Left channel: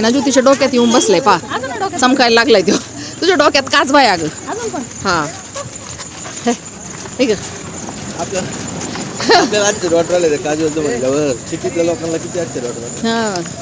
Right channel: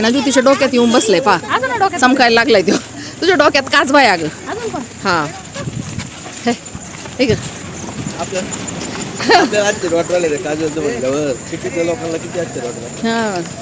ना ज्योतीच्या डोक्यात येऊन बसलाय पा चमकायला लागलाय तो तुझ्या डोक्यात काच बाय अगं हा हे आपल्या आश्चर्य वाटलं काजल म्हणल्यावर किती लोकांना किती आश्चर्य वाटलं हा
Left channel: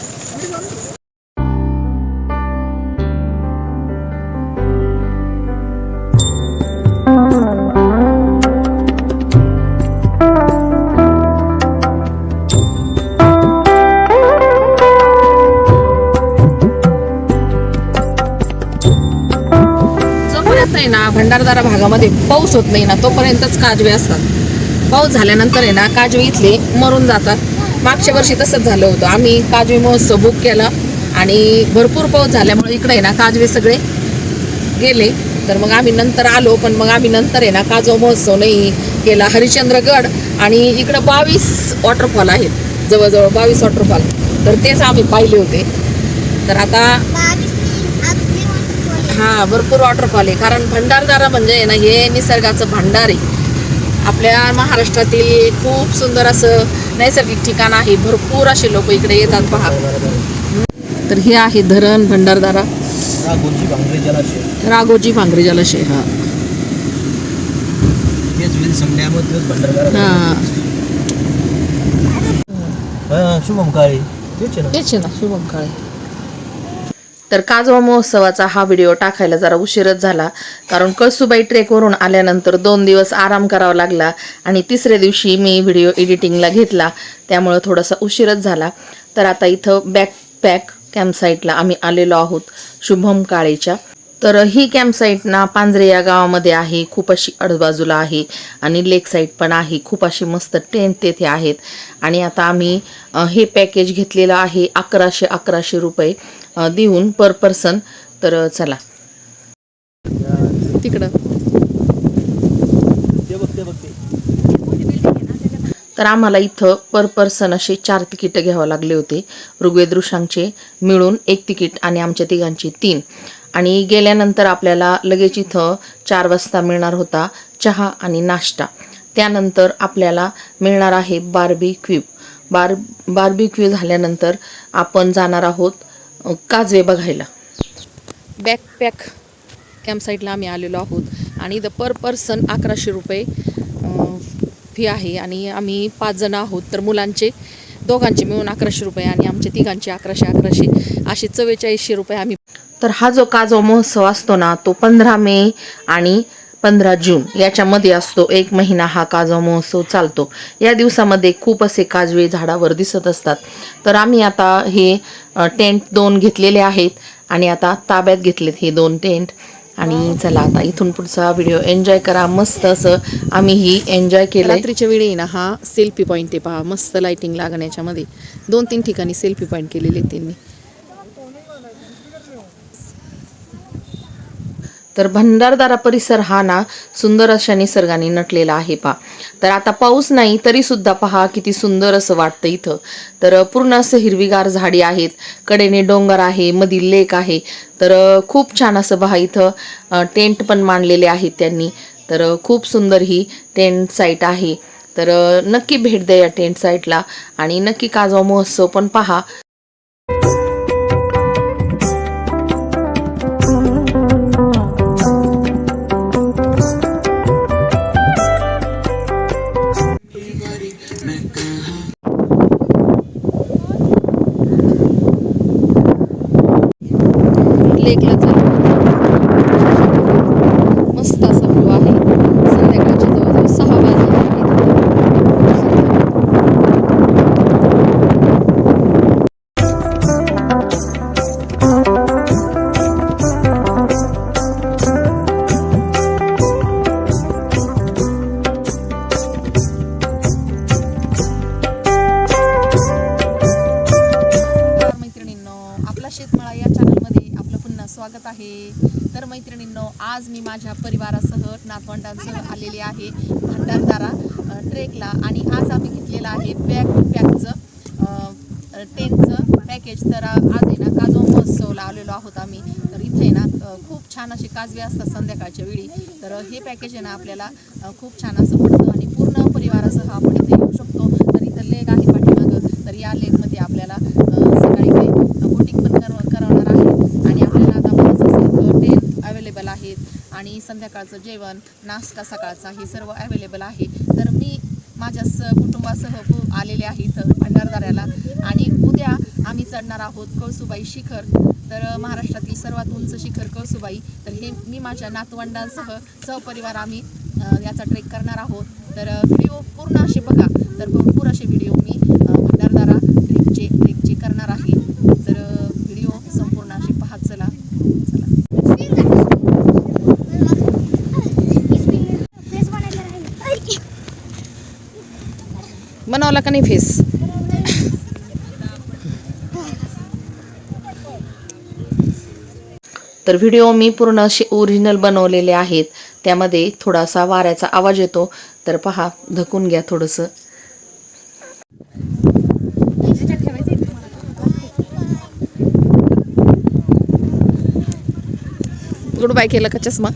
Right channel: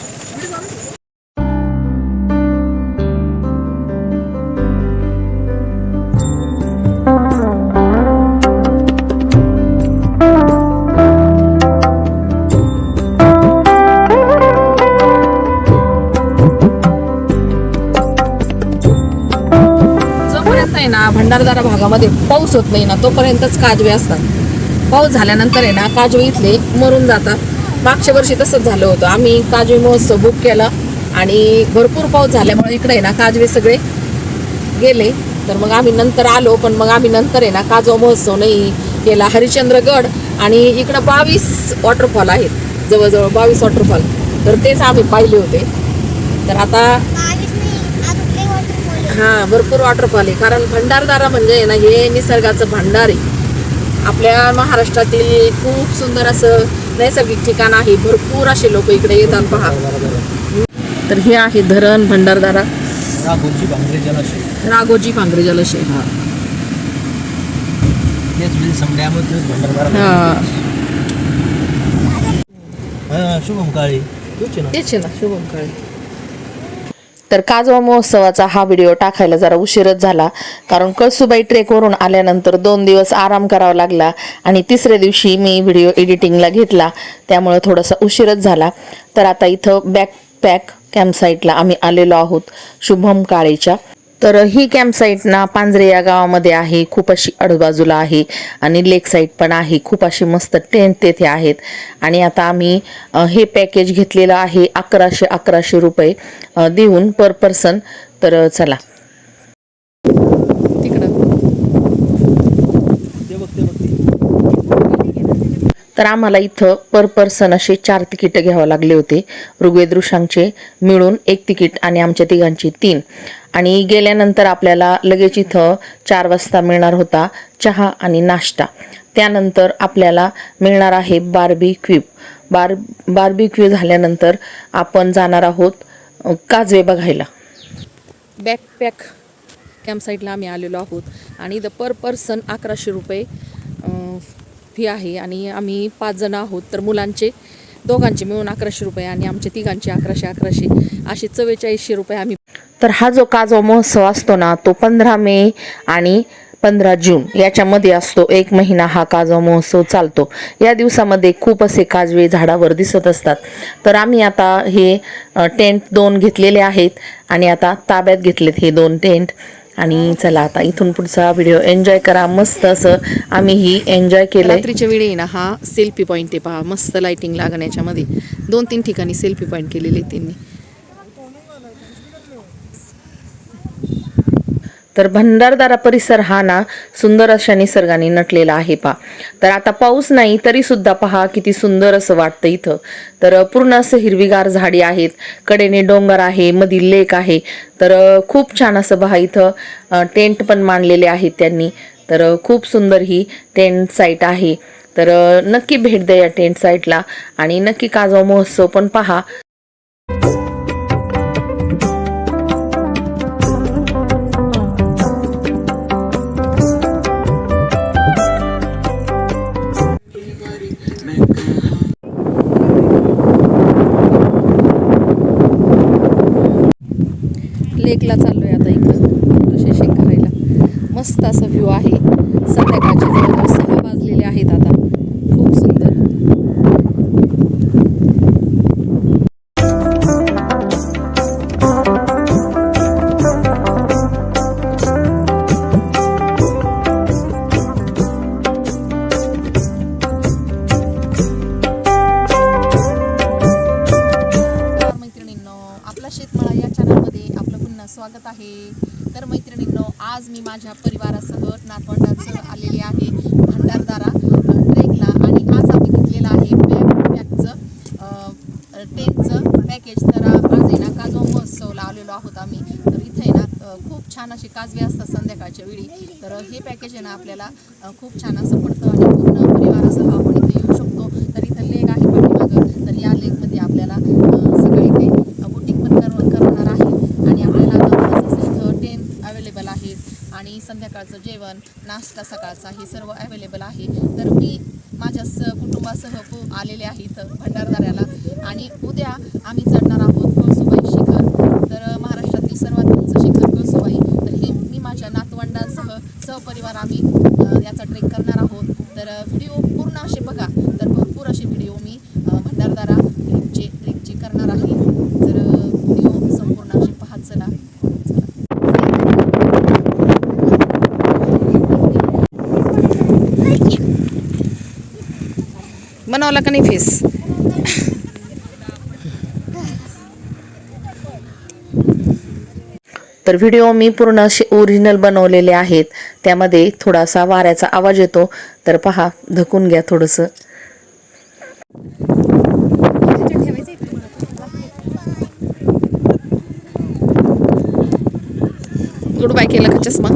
भंडारदरा भागामध्ये पाऊस होत नाही ना तोपर्यंतच काजवे असतात. पाऊस झाल्यानंतर आहे ना काजवे इथले मरून जातात. मागच्या वर्षी तसंच झालं होतं. आम्ही काजवे महोत्सव बुक केला आणि भरपूर पाऊस झाल्यामुळे इकडे आहे ना काजवे सगळे गेले. तर मग आम्ही नंतर आलो पण मग आम्ही नंतर आहे ना काजवा महोत्सव नाही केला. हरिश्चंद्रगड आणि इकडं 22 वॉटरफॉल आहेत जवळजवळ 22 वॉटरफॉल तर तेच आम्ही पाहिले होते. तर आता हा भरपूर वॉटरफॉल आहे कारण भंडारदरा म्हणजे ना हे निसर्गाचं भांडार आहे. आपल्या महाराष्ट्रातील खूप सुंदर असं नैसर्गिक ठिकाण आहे. भरपूर असे लोक इकडे येतात पहा. तर हे आहे धरण भंडारदरा राघोजी भांगरे जलाशय हा शुभम काळे तेच ना शुभम काळे. तर काजवा महोत्सवाचा हा व्हिडिओ टाकायला जरा उशीरच झाला कारण कळसुबाई ट्रेकवरून आल्यानंतर 2 दिवस आराम करावा लागला आणि तिसऱ्या दिवशी मी व्हिडिओ एडिटिंगला घेतला त्यामुळे थोडासा उशीरच झाला. तर आता इथं बॅकपॅक कॅम्पसाईटला आम्ही आलेलो आहोत शुभम काळेच्या. तर ही कॅम्पसाईट ना पांजरे या गावामध्ये आहे. खूप अशी आजूबाजूला आहे आणि लेक साईड पण आहे. खूप अशी मस्त टेंट तेथे आहेत आणि आता आम्ही हे पॅकेज घेतलेलं आहे 1100 रुपये देऊन पर पर्सन. तर चला तिकडं. तर आम्हाला इथं पर पर्सन असे 4 तिकीट घ्यावं लागले होते. ऋग्वेद ऋषांचे मिळून 1 तिकीट आणि आमच्या तिघांची 3. आणि गेल्यानंतर आपल्याला लगेच इथं 4 वाजता मिळणार होता चहा आणि नाश्ता. त्यानंतर आपल्याला मिळणार आहे बार्बीक्यू. बार्बीक्यू झाल्यानंतर आपण जाणार आहोत काजवे बघायला. बॅकपॅक कॅम्पसाईटला आम्ही आलेलो आहोत आणि द पर पर्सन 1100 रुपये फी आहे आणि आम्ही 5 जण आहोत. तर मुलांचे दोघांचे मिळून 1100 रुपये आणि आमचे तिघांचे 1100 असे 4400 रुपये आम्ही. तर हा जो काजवा महोत्सव असतो ना तो 15 मे आणि 15 जून याच्यामध्ये असतो. 1 महिना हा काजवा महोत्सव चालतो. या दिवसामध्ये खूप असे काजवे झाडावर दिसत असतात. तर आम्ही आता हे टेंट 2 घेतलेले आहेत आणि आता ताब्यात घेतलेत हे 2 टेंट. आणि चला आता इथून पुढचा व्हिडिओ एन्जॉय करा. मस्त असं आम्ही ही एन्जॉय केलं. रात्रीच्या वेळी ना हा सेल्फी पॉईंट आहे पहा. मस्त लाइटिंग लागण याच्यामध्ये 2-3 ठिकाणी सेल्फी पॉईंट केलेले त्यांनी. तर भंडारदरा परिसर हा ना सुंदर अशा निसर्गाने नटलेला आहे पहा. तर आता पाऊस नाही तरी सुद्धा पहा किती सुंदर असं वाटतं इथं. तर पूर्ण असं हिरवीगार झाडी आहेत. कडेने डोंगर आहे मधी लेक आहे. तर खूप छान असं पहा इथं टेंट पण मांडलेले आहेत त्यांनी. तर खूप सुंदर ही टेंट साईट आहे. तर नक्की भेट द्या या टेंट साईटला आणि नक्की काजवा महोत्सव पण पहा. लेकला चालू मस्त असा व्ह्यू आहे. संध्याकाळचे जवळजवळ 6 वाजलेले आहेत आता. खूप सुंदर. आपला शेतमाळा या चॅनलमध्ये आपलं पुन्हा स्वागत आहे. तर मैत्रिणींनो आज मी माझ्या परिवारासह नातवंडांसह आलेली आहे भंडारदरा ट्रेकला आणि आज आम्ही घेतलेलं आहे बॅकपॅकचं टेंटचं पॅकेज. तर आज आहे ना काजवा महोत्सवला आलेलो आहोत आम्ही. तर इथे आहे ना खूप छान असे काजवे असतात संध्याकाळच्या वेळी. तर हे पॅकेज आहे ना आपल्याला खूप छान असं पडतं आणि पूर्ण परिवारासह आपण इथे येऊ शकतो. तर इथं लेक आहे पाठीमागं. तर या लेकमध्ये आपल्याला सकाळी काही बोटिंग पण आणि संध्याकाळचं जेवण, नाश्ता सकाळचा हे सर्व अवेलेबल आहे. तर मी माझ्या कुटुंबासह आलेले आहे इथं भंडारदऱ्याला. आणि उद्या आम्ही चढणार आहोत कळसुबाई शिखर. तर महाराष्ट्रातील सर्वात उंच शिखर कळसुबाई. तर हे मी माझ्या नातवंडांसह सहपरिवार आम्ही याचा ट्रेक करणार आहोत. तर व्हिडिओ पूर्ण असे बघा. तर भरपूर असे व्हिडिओ मी भंडारदरा ट्रेकचे करणार आहे. तर व्हिडिओ संपूर्ण असे पाहत चला. बनवला का नाही फेस? तर व्हिडिओ मी पूर्ण असे ओरिजिनल बनवलेले आहेत. त्यामध्ये थोडासा वाऱ्याचा आवाज येतो, तर पहा, धकून घ्या थोडंसं. गुड बाय केलं का चष्मा?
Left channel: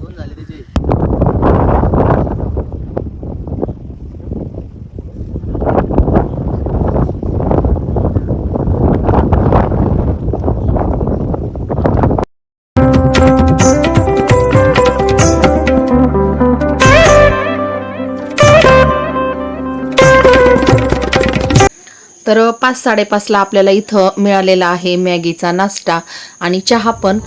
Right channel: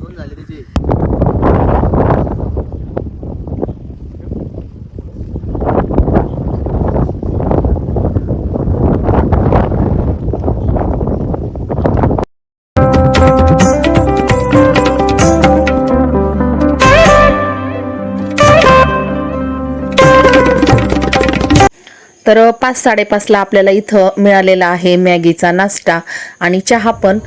दोन झाले त्याचे. तर 5-5:30ला आपल्याला इथं मिळालेला आहे मॅगीचा नाश्ता आणि चहा पण.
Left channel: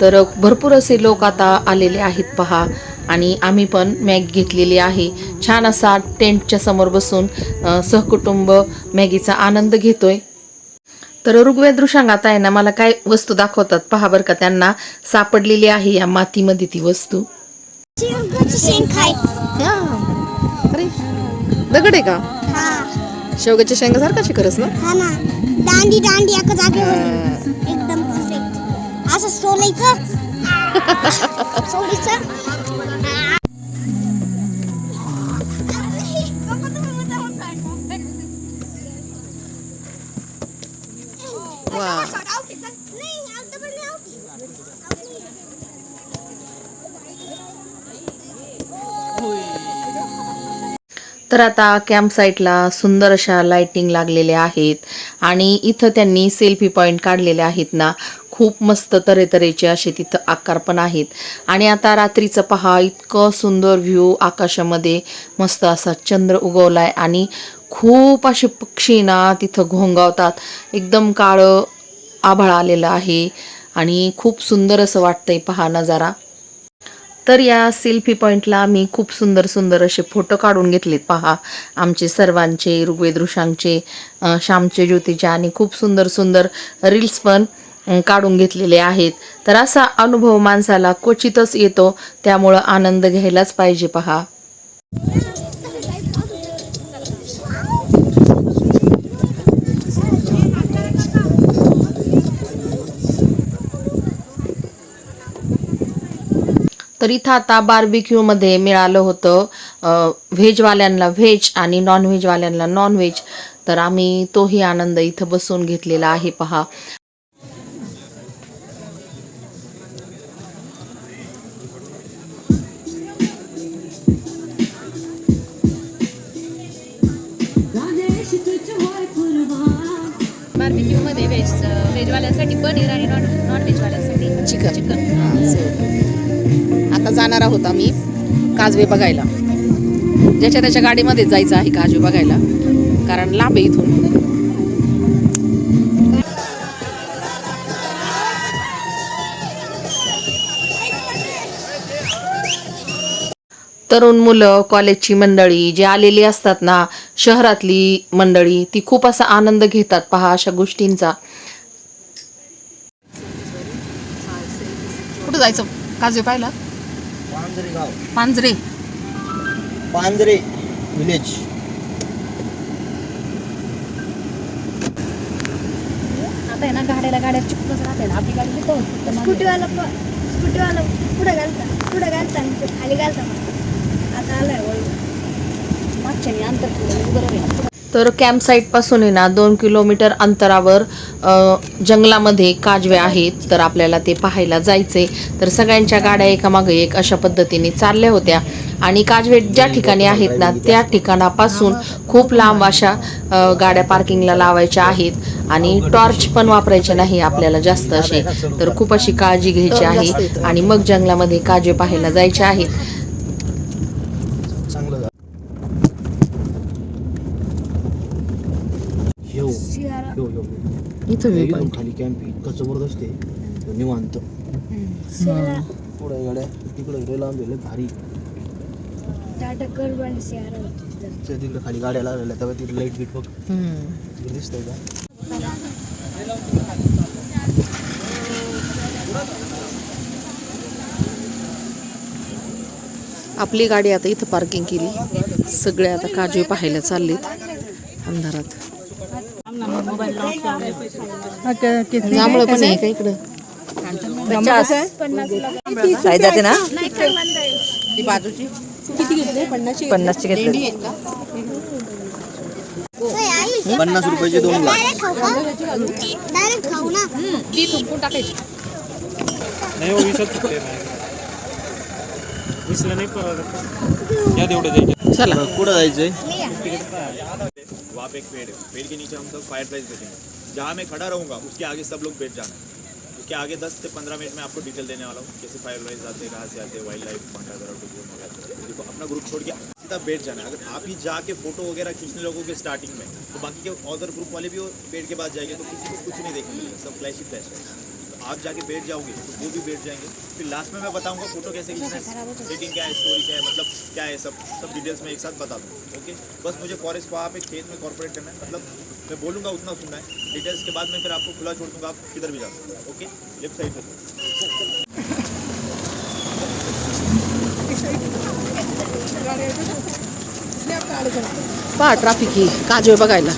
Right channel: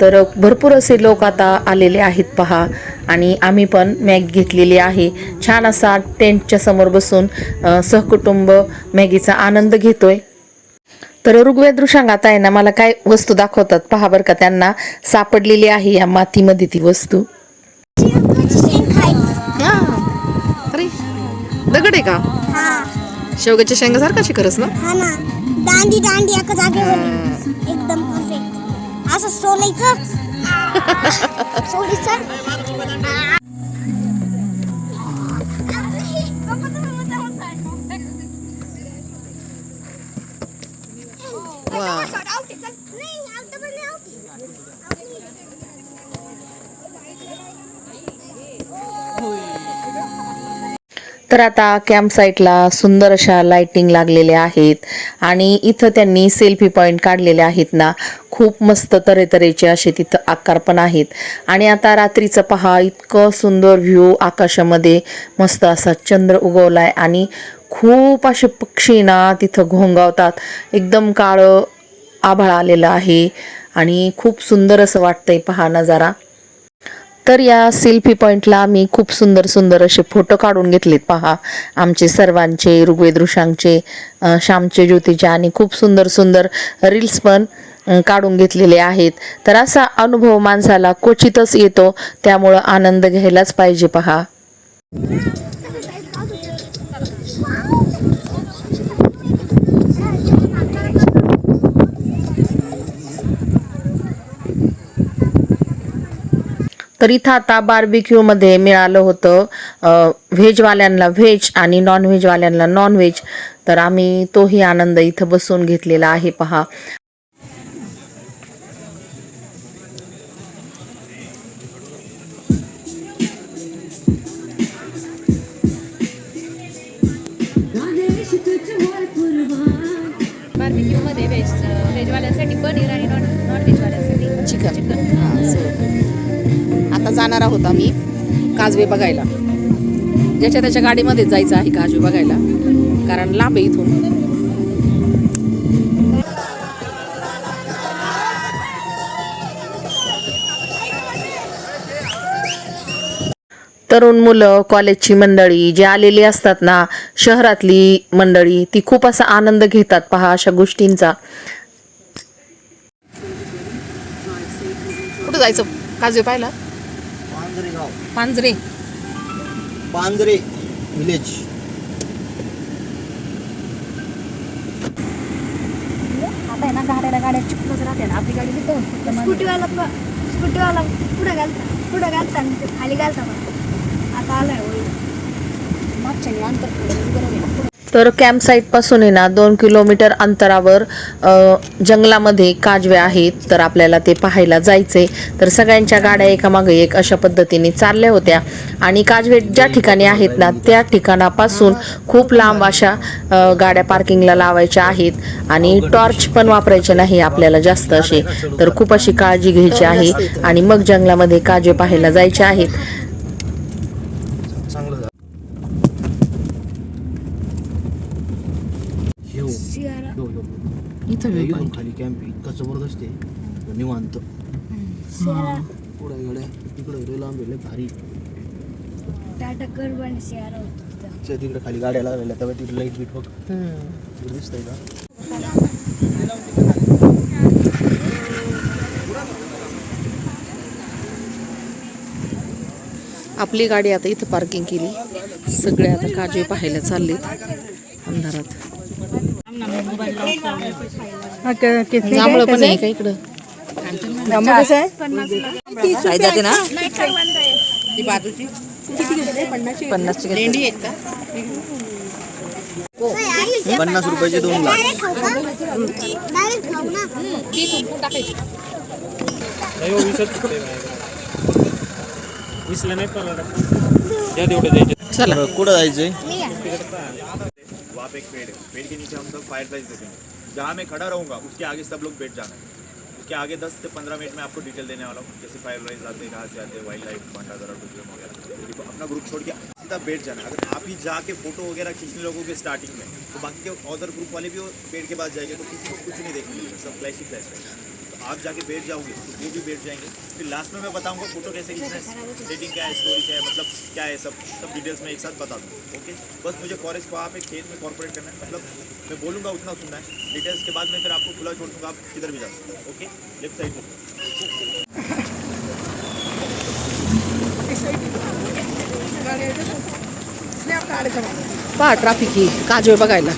तर भरपूर असे लोक आता आलेले आहेत पहा. आणि आम्ही पण मॅगी घेतलेली आहे. छान असा टेंटच्या समोर बसून सहकुटुंब मॅगीचा आनंद घेतोय. तर ऋग्वेद ऋषांग आता आहे ना मला काय वस्तू दाखवतात पहा बरं का. त्यांना सापडलेली आहे या मातीमध्ये ती वस्तू. अरे दगड आहे का? शेवग्याच्या शेंगासारखा शिकरच ना? हा ना, दांडी दांडी एका जागेवर एकदम परफेक्ट असं सोलायचं. सोलायचं. वा. तर आता कॅम्प साईटला सुंदर अशा लाइटिंग लागलेल्या आहेत आणि इथं त्यांनी सेल्फी पॉईंट काढलेले आहेत ना. खूप मस्त तऱ्हेतऱ्हेचे असे तिथं आकार पण आहेत. आणि आता रात्रीचं पहा, इतकं सुंदर व्ह्यू आकाशामध्ये. मस्त असा चंद्र उगवलाय आणि खूप असे पक्षी ना तिथं घोंगावतात. एकदम काळं आभाळ आलेलं आहे आणि खूप सुंदर असं वाटतंय पहा नजारा. तर या सेल्फी पॉईंटला मी खूप सुंदर सुंदर असे फोटो काढून घेतलेत पहा. आमचे सर्वांचे, ऋग्वेद ऋषांचे, श्यामचे, ज्योतीचे आणि खूप सुंदर सुंदर रील्स पण काढून घेतलेले आहेत. तर असा अनुभव माणसाला क्वचितच येतो, त्यामुळं आनंद घ्यायलाच पाहिजे पहा. तर इथं आता बार्बिक्यूमध्ये मिळालं होतं व्हेजवाल्यांना व्हेज आणि नॉनव्हेजवाल्यांना नॉनव्हेज. तर आम्ही तोही आनंद इथं बसून घेतलेला आहे पहा. बार्बिक्यूमध्ये व्हेजवाल्यांसाठी पनीर आणि नॉनव्हेजवाल्यांसाठी चिकन. आता जाणार आहोत आम्ही काजवे बघायला. ज्याच्या त्याच्या गाडीमध्येच जायचं आहे काजवे बघायला, कारण लांब आहे इथून. तरुण मुलं, कॉलेजची मंडळी जे आलेली असतात ना, शहरातली मंडळी, ती खूप असा आनंद घेतात पहा अशा गोष्टींचा. कुठं जायचं काजवे पाहायला? पांजरे गाव. पांजरे. पांजरे विलेज. आता आहे ना गाड्या चिकटच राहते ना. आपली गाडी घेतो स्कूटीवाला पुढे घालता खाली घालता. आता आलाय मागच्या अंतर थोडं बरोबर आहे ना. तर कॅम्प साईटपासून आहे ना 2 किलोमीटर अंतरावर जंगलामध्ये काजवे आहेत. तर आपल्याला ते पाहायला जायचे. तर सगळ्यांच्या गाड्या एकामागे एक अशा पद्धतीने चालल्या होत्या आणि काजवे ज्या ठिकाणी आहेत ना त्या ठिकाणापासून खूप लांब अशा गाड्या पार्किंगला लावायच्या आहेत आणि टॉर्च पण वापरायचे नाही आपल्याला जास्त असे. तर खूप अशी काळजी घ्यायची आहे आणि मग जंगलामध्ये काजवे पाहायला जायचे आहेत. एकदम खाली कॅम्प इतका जबरदस्त आहे निवांत. पुढे गाड्या तिकडे लांब गेले भारी. तिकडे खाली गाड्या लागलेल्या तेव्हा तिथे लाईट बीट बघ दिसतंय का. आपली गाडी आता इथं पार्किंग केली. सगळे आता काजवे पाहायला चाललेत अंधारात. जांभळं पण आहे का इकडं. जाते ना 50 रुपयाचे 2 ग्लास. डायरेक्ट खाऊ का? डायरेक्ट खाऊ ना. चला कुठं जायचंय. वहाँ पे एक पेड़ है, पेड़ के नीचे हम सब फायर प्राइस देखेंगे. जहाँ मैं खड़ा रहूँगा उसके आगे सब लोग बैठ जाना है. उसके आगे 10 से 15 मिनट में आपको डिटेल देने वाला हूँ कैसे फायर प्राइस आते हैं, कहाँ से आते हैं, वाइल्ड लाइफ भांडादरा टूरिज्म वगैरह. देखो अपना ग्रुप छोड़ के सीधा बैठ जाना है. अगर आप ही जाके फोटो वगैरह खींचने लगोगे स्टार्टिंग में तो बाकी के अदर ग्रुप वाले भी वो पेड़ के पास जाएंगे तो किसी को कुछ नहीं देखने मिलेगा, सब फ्लैश ही फ्लैश रहेगा. तो आप जाके बैठ जाओगे तो वो भी बैठ जाएंगे. फिर लास्ट में मैं बताऊंगा फोटो कैसे खींचना है, सेटिंग क्या है, स्टोरी क्या है, मतलब क्या है, सब डिटेल्स में एक साथ बता दूँ. ओके बस मुझे फॉरेस्ट वहाँ पे खेत में कॉर्पोरेट करना है. मतलब मैं बोलूँगा उतना सुनना है. डिटेल्स के बाद मैं फिर आपको खुला छोड़ दूँगा, आप किधर भी जा सकते हो. ओके लेफ्ट साइड से पहा ट्रॅफिक ही काजवे बघायला.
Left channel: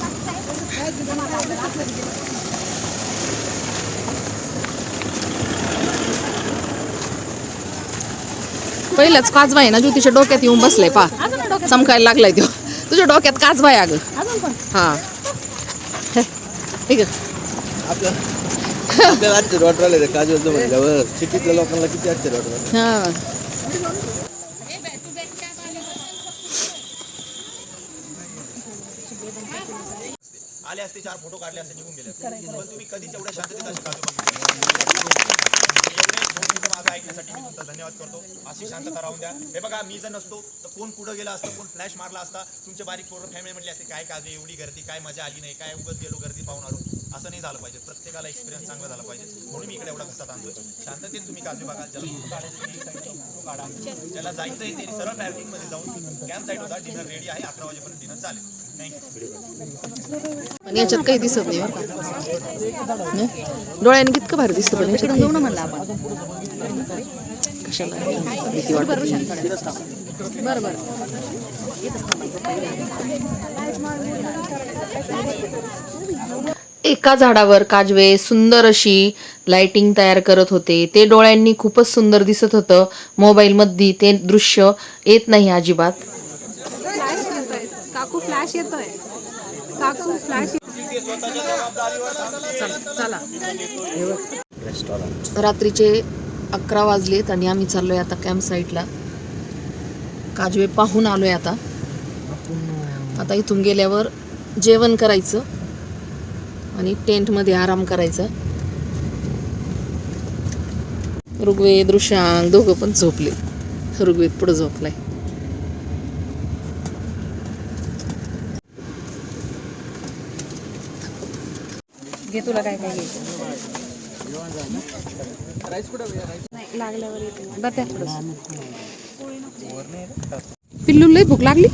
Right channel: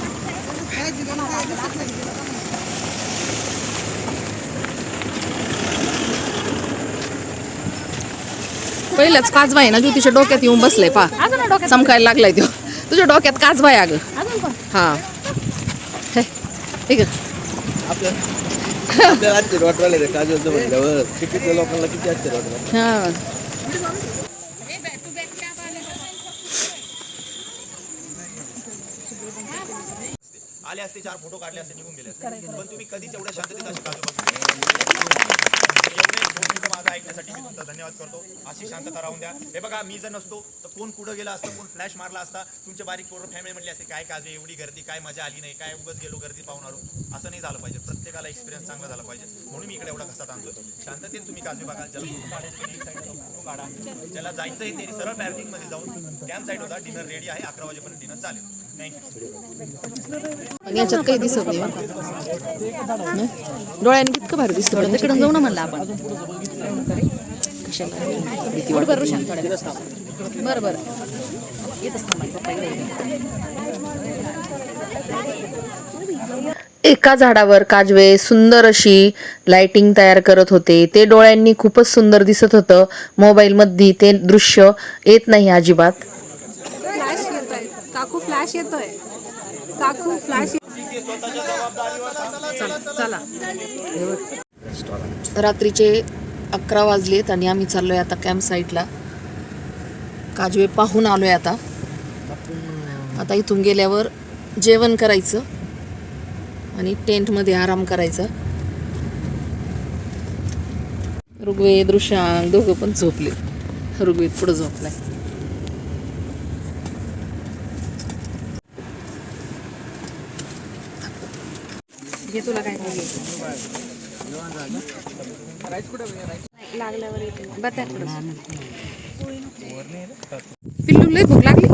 पहिलाच काजवा आहे ना ज्योतीच्या डोक्यात येऊन बसलाय. पा चमकायला लागलाय तो. तुझ्या डोक्यात काजवा आहे अगं. हा ठीक आहे. आपल्याला आश्चर्य वाटलं ते काजलचं म्हटल्यावर. सिटीतल्या लोकांना किती आश्चर्य वाटलं. हा आले असते 4 फोटो काढले असते निघून गेले असते. पण तुम्ही कधीच एवढ्या शांततेत असे काजू बघितले. एवढे 2 मिनिटं माझं ऐकण्यासाठी मी तुमचा धन्यवाद करतो. अशी शांतता राहून द्या. हे बघा मी जर नसतो तर कोण कुठं गेला असतं, कोण फ्लॅश मारला असता, तुमचे बारीक पोरं फॅमिली म्हटली असते काय काजू एवढी गर्दी, काय मजा आली नाही, काय उगाच गेलो गर्दी पाहून आलो. असं नाही झालं पाहिजे. प्रत्येकाला एक्सपिरियन्स चांगला झाला पाहिजे म्हणून मी इकडे एवढा घसात आणतोय. शांततेत तुम्ही काजू बघा. ज्याला फोटो काढायचे एक साईडला फोटो काढा. ज्याला जायचं आहे त्यांनी सरळ पार्किंगमध्ये जाऊन कॅम्प साईट होता. डिनर रेडी आहे. 11 वाजेपर्यंत डिनर चालेल. थँक्यू. पण याच्यात काही दिसत नाही बरं का. डोळ्याने कितकं भारी दिसतं. पण याच्यात जाऊ ना म्हणलं आपण. कशाला भीती वाटत नाही. एका झाडावर काजवे सुंदर अशी लाइटिंग तयार करत होते. ते डोळ्यांनी खूपच सुंदर दिसत होतं. मोबाईलमध्ये ते दृश्य येत नाही अजिबात. रात्रीचे 11 वाजलेत आणि आम्ही चाललोय आता कॅम्प साईटला. काजवे पाहून आलोय आता. आता इथून गेल्यावर जेवण करायचं आणि टेंटमध्ये आराम करायचा. ऋग्वेद ऋषांक दोघं पण झोपले. ऋग्वेद पुढे झोपलाय. तुला काय पाहिजे पिल्लू लय भूक लागली.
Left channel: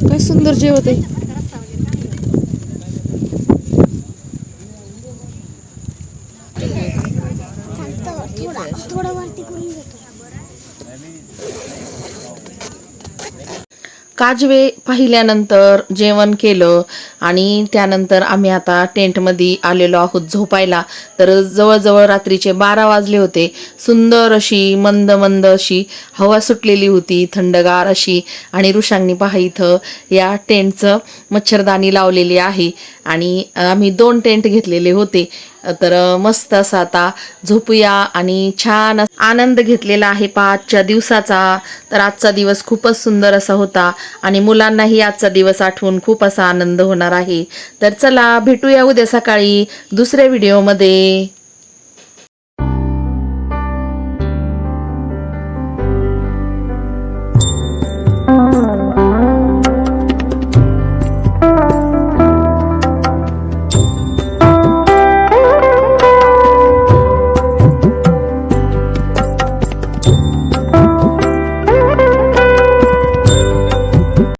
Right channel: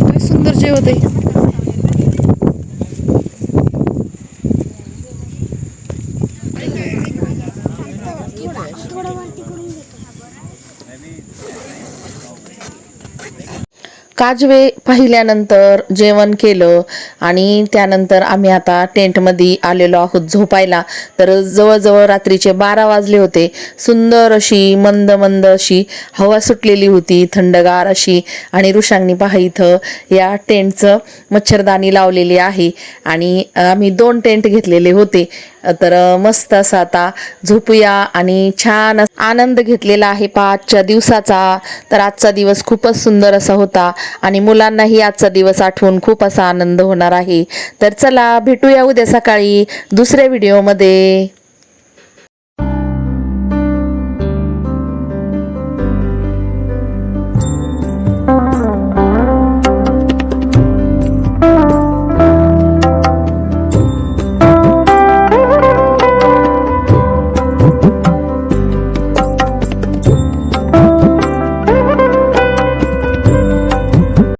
काय सुंदर जेवत आहे. थोडं वरती करून घेतो. काजवे पाहिल्यानंतर जेवण केलं आणि त्यानंतर आम्ही आता टेंटमध्ये आलेलो आहोत झोपायला. तर जवळजवळ रात्रीचे 12 वाजले होते. सुंदर अशी मंद मंद अशी हवा सुटलेली होती, थंडगार अशी. आणि ऋषांनी पहा इथं या टेंटचं मच्छरदाणी लावलेली आहे आणि आम्ही 2 टेंट घेतलेले होते. तर मस्त असं आता झोपूया आणि छान आनंद घेतलेला आहे 5च्या दिवसाचा. तर आजचा दिवस खूपच सुंदर असा होता आणि मुलांनाही आजचा दिवस आठवून खूप असा आनंद होणार आहे. तर चला भेटूया उद्या सकाळी दुसऱ्या व्हिडिओमध्ये.